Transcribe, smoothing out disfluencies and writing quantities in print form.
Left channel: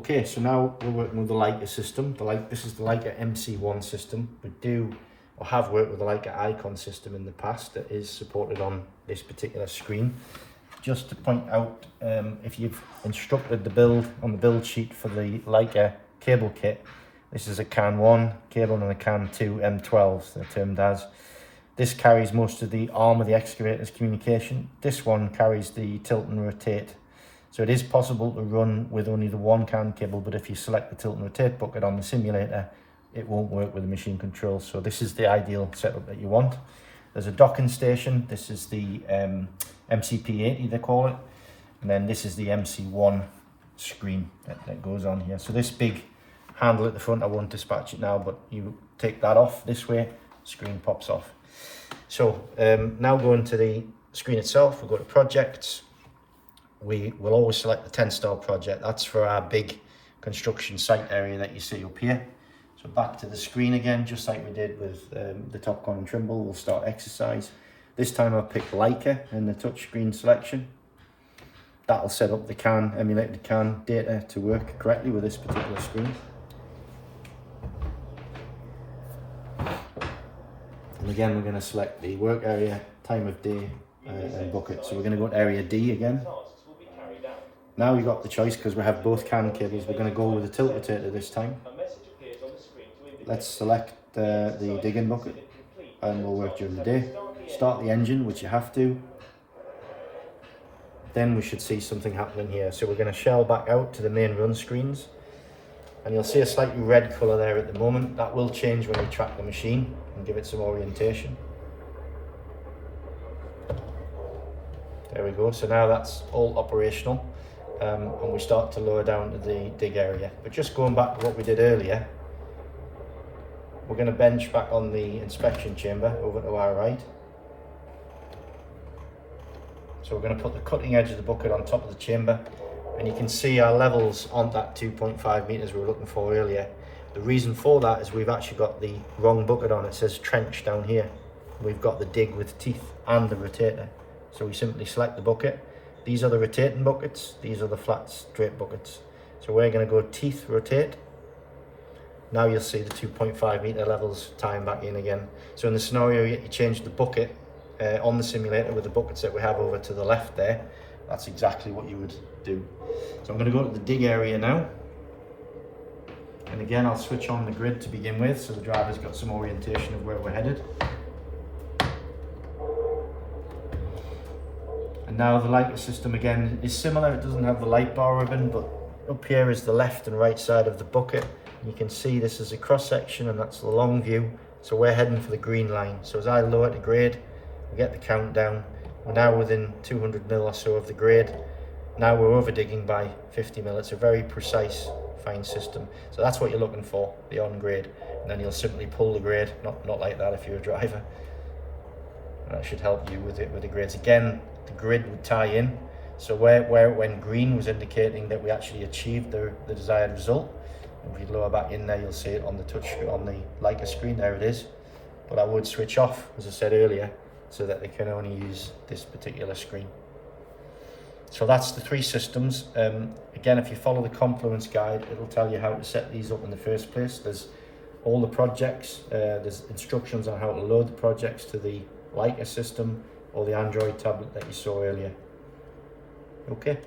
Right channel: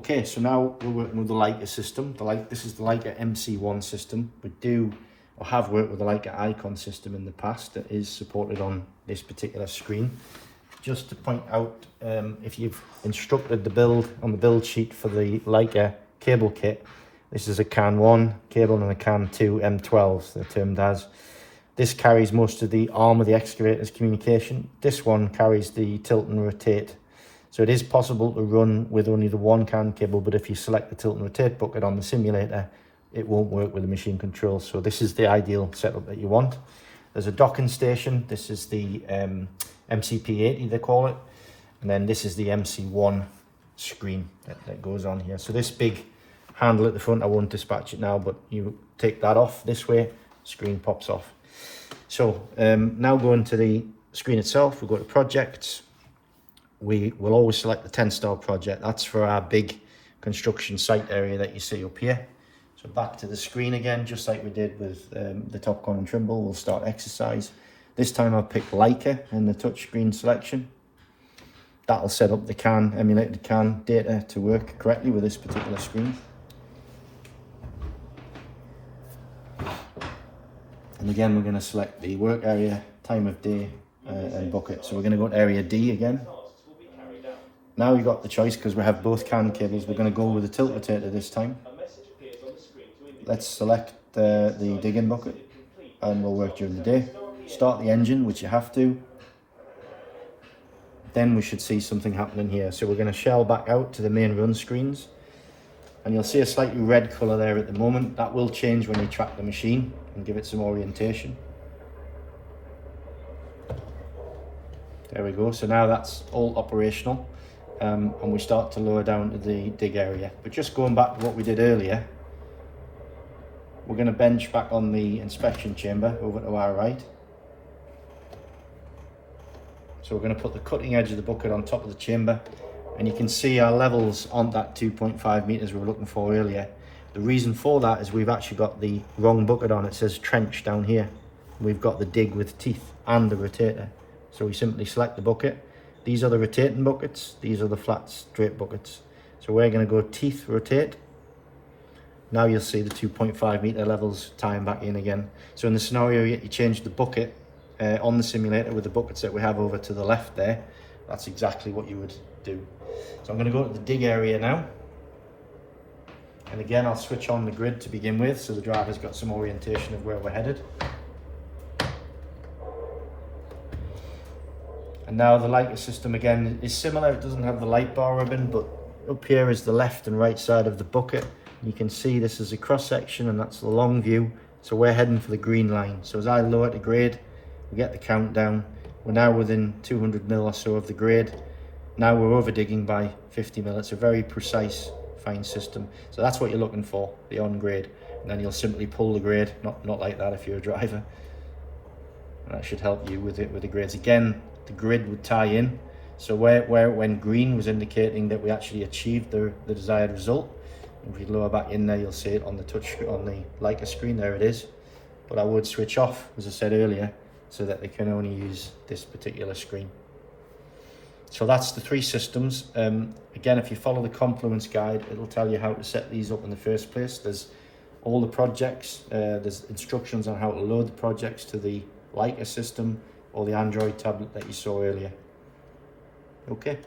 Okay, so now we're working with the Leica system. This is the Leica MC1 system. We do or have worked with the Leica Icon system in the past that is supported on this particular screen. Just to point out, if you've instructed the build on the build sheet for the Leica cable kit, this is a CAN 1 cable and a CAN 2 M12s, they're termed as. This carries most of the arm of the excavator's communication. This one carries the tilt and rotate. So it is possible to run with only the one CAN cable, but if you select the tilt and rotate bucket on the simulator, it won't work with the machine controls. So this is the ideal setup that you want. There's a docking station. This is the MCP80 they call it. And then this is the MC1 screen that goes on here. So this big handle at the front, I won't dispatch it now, but you take that off this way, screen pops off. So now going to the screen itself, we go to projects. We will always select the Tenstar project. That's for our big construction site area that you see up here. So back to the screen again, just like we did with the Top Gun and Trimble, we'll start exercise. This time I'll pick Leica in the touchscreen selection. That'll set up the CAN, emulated CAN data to work correctly with this particular screen. And again, we're going to select the work area, time of day, and bucket. So we're going to go to area D again. Now we've got the choice because we have both CAN cables. We're going to go with the tilt rotator this time. Let's select the digging bucket and we'll work during the day. Start the engine, which you have to. Then we should see something happening here. So we're going to shell back out to the main run screens. And you'll see a slightly red colour there at the moment. That will change when you track the machine and give it some orientation. There we go. So now that's all operational. And we start to lower down to the dig area. But just going back to what we did earlier, we're going to bench back on the inspection chamber over to our right. So we're going to put the cutting edge of the bucket on top of the chamber, and you can see our levels aren't that 2.5 meters we were looking for earlier. The reason for that is we've actually got the wrong bucket on. It says trench down here. We've got the dig with teeth and the rotator. So we simply select the bucket. These are the rotating buckets, these are the flat straight buckets. So we're going to go teeth rotate. Now you'll see the 2.5 meter levels tying back in again. So in the scenario you change the bucket on the simulator with the buckets that we have over to the left there, that's exactly what you would do. So I'm going to go to the dig area now. And again, I'll switch on the grid to begin with so the driver's got some orientation of where we're headed. And now the Leica system again is similar. It doesn't have the light bar ribbon, but up here is the left and right side of the bucket. You can see this is a cross section and that's the long view. So we're heading for the green line. So as I lower the grade, we get the countdown. We're now within 200 mil or so of the grade. Now we're over digging by 50 mil. It's a very precise, fine system. So that's what you're looking for, the on grade. And then you'll simply pull the grade, not like that if you're a driver. That should help you with the grades. Again, the grid would tie in. So where when green was indicating that we actually achieved the desired result. If you lower back in there, you'll see it on the on the Leica screen. There it is. But I would switch off, as I said earlier, so that they can only use this particular screen. So that's the three systems. Again, if you follow the Confluence guide, it'll tell you how to set these up in the first place. There's all the projects. There's instructions on how to load the projects to the Leica system or the Android tablet that you saw earlier. Okay.